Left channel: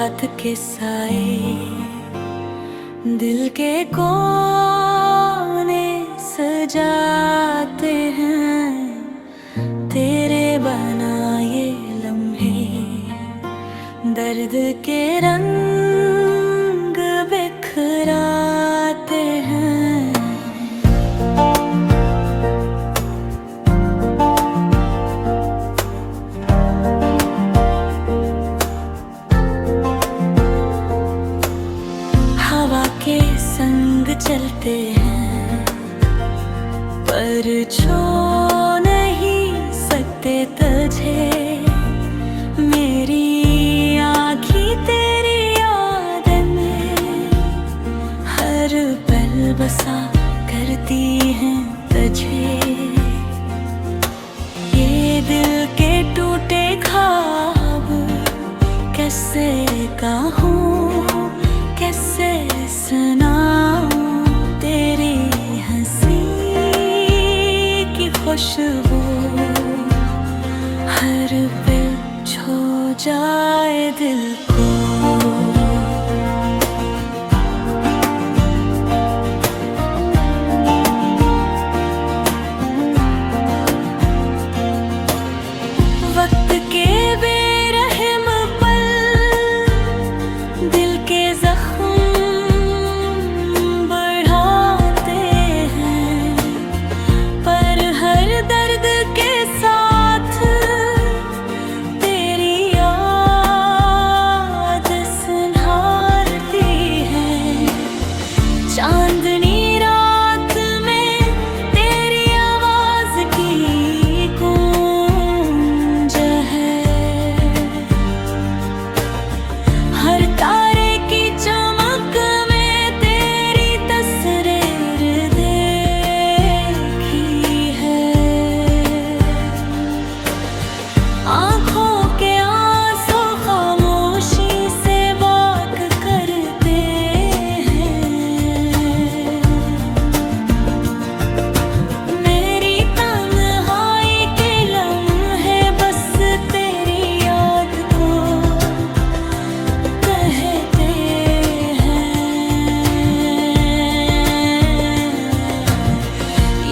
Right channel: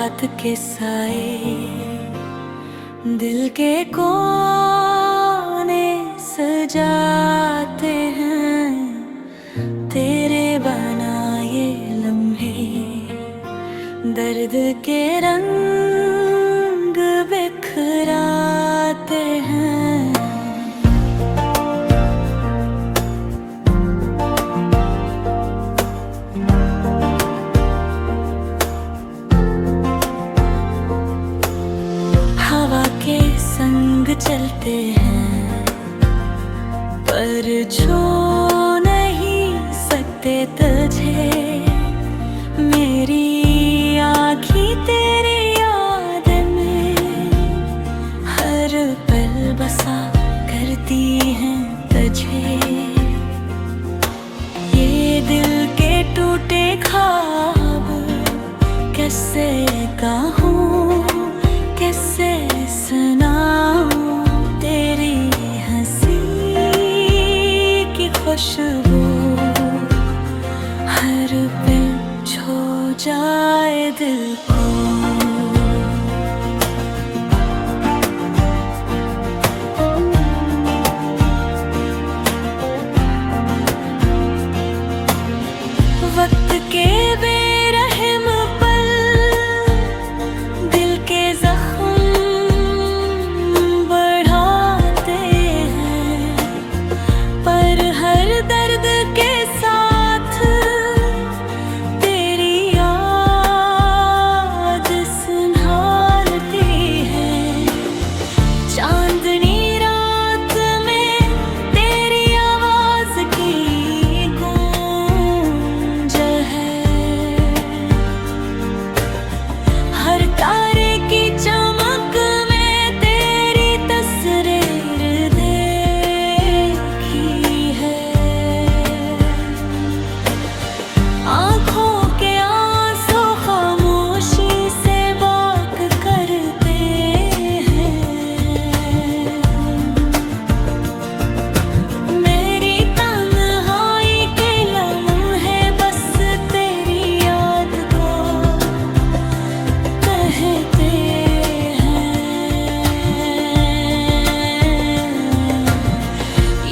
रात के साए दिल के कोने सजाते हैं, तेरे बनाए लम्हे दर्द के रंग बिखराते हैं। हवा के संग चलते हैं पर छू नहीं सकते तुझे, मेरी आँखें तेरी याद में हर पल बसा करती हैं तुझे। ये दिल के टूटे ख्वाब कैसे कहूँ, कैसे सुनाऊं तेरी हंसी की खुशबू हर पल छू जाए दिल को। वक्त के बेरहम पल दिल के जख्म बढ़ाते हैं, पर हर दर्द के साथ तेरी याद संभालती है। चांदनी रात में तेरी आवाज की गूंज है, हर तारे की चमक में तेरी तस्वीर देखी है। आँखों के आंसू खामोशी से बात करते हैं, मेरी तन्हाई के लम्हे बस तेरी याद को कहते हैं।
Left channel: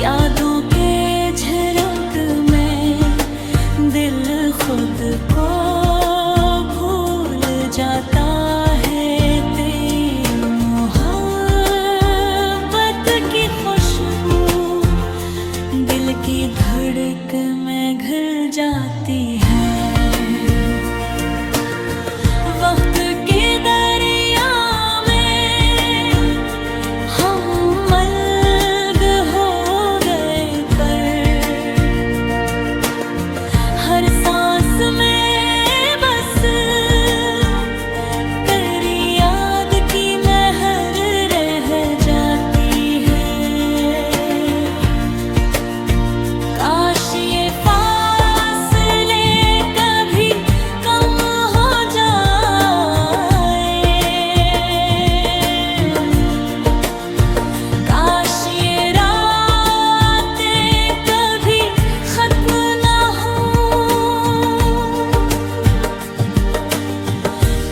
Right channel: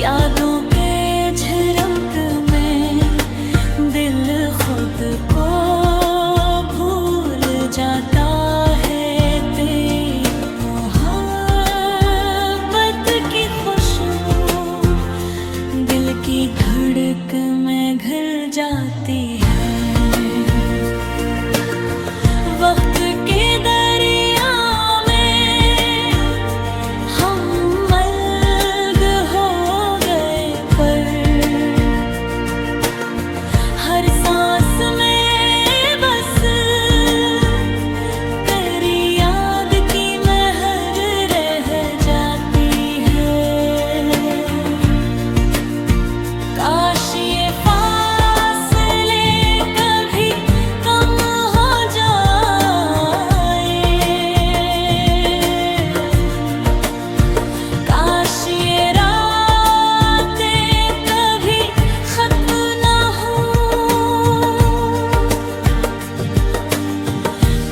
यादों के झरक में दिल खुद को भूल जाता है, तेरी मोहब्बत की खुशबू दिल की धड़क में घुल जाती है। वक्त के दरिया में हम मल्ग हो गए, पर हर सांस में बस तेरी याद की महर रह जाती है। काश ये फासले कभी कम हो जाए, काश ये रातें कभी खत्म ना हो,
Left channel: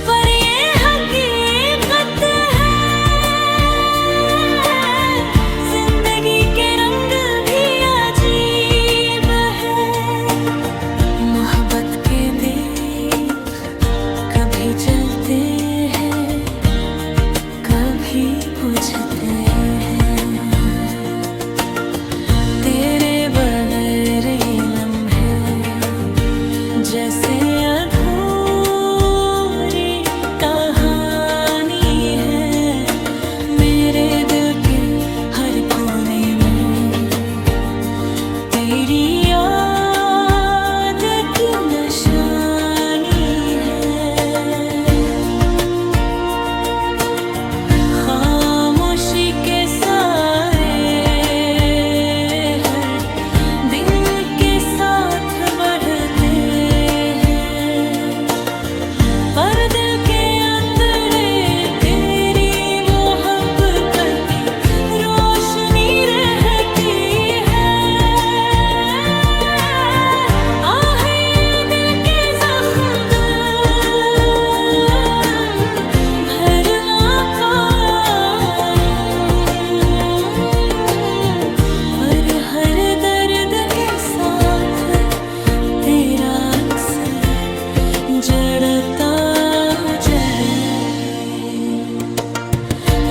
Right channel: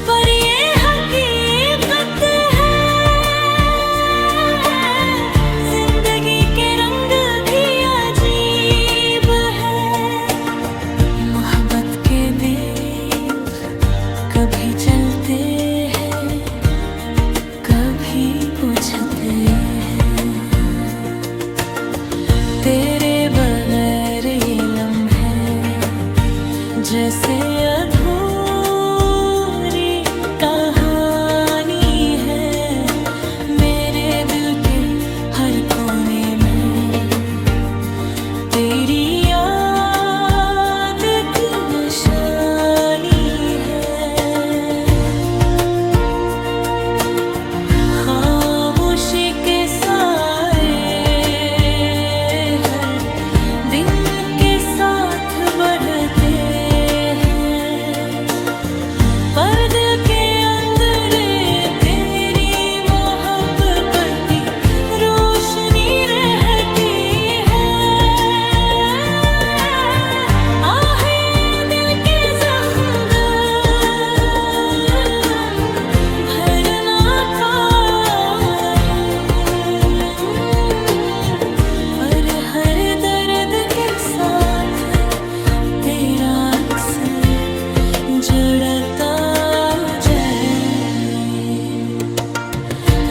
पर ये हकीकत है जिंदगी के रंग भी अजीब है। मोहब्बत के दीप कभी जलते हैं, कभी बुझते हैं, तेरे बगैर ये लम्हे जैसे अधूरी कहानी है। मेरे दिल के हर कोने में तेरी याद की निशानी है। खामोशी के साए हर दिन के साथ बढ़ते हैं, पर दिल के अंदर तेरी मोहब्बत की रोशनी रहती है। आह ये दिल के जख्म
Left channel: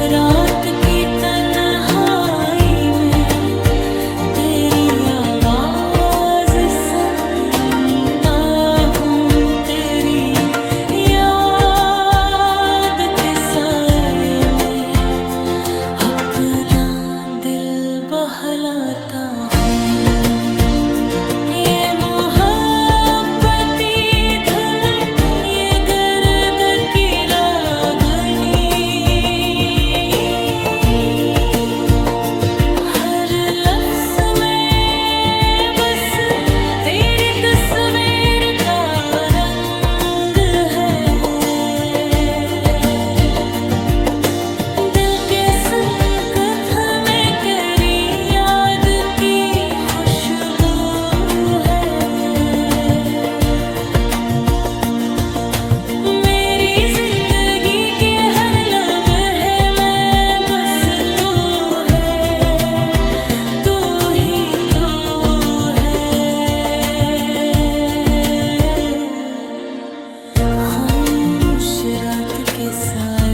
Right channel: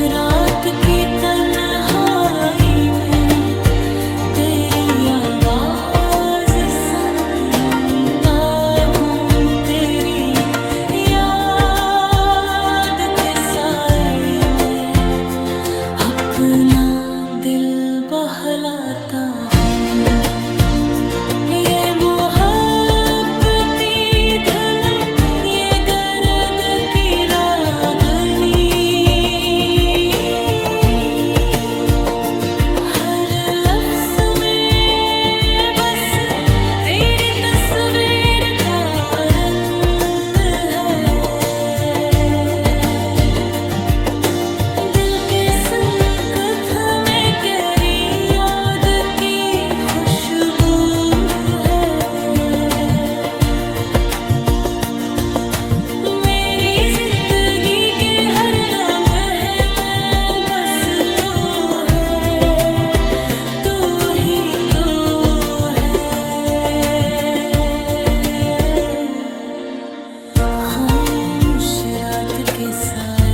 रात की तन्हाई में तेरी आवाज सुनता हूँ, तेरी याद के साए में अपना दिल बहलाता हूँ। ये मोहब्बती धुन, ये गर्द की रागनी, हर लफ्ज़ में बस तेरी तस्वीर का रंग है। दिल के संकट में गहरी याद की खुशबू है। मेरी जिंदगी के हर लम्हे में बस तू है, तू ही तू है। खामोश रात के साए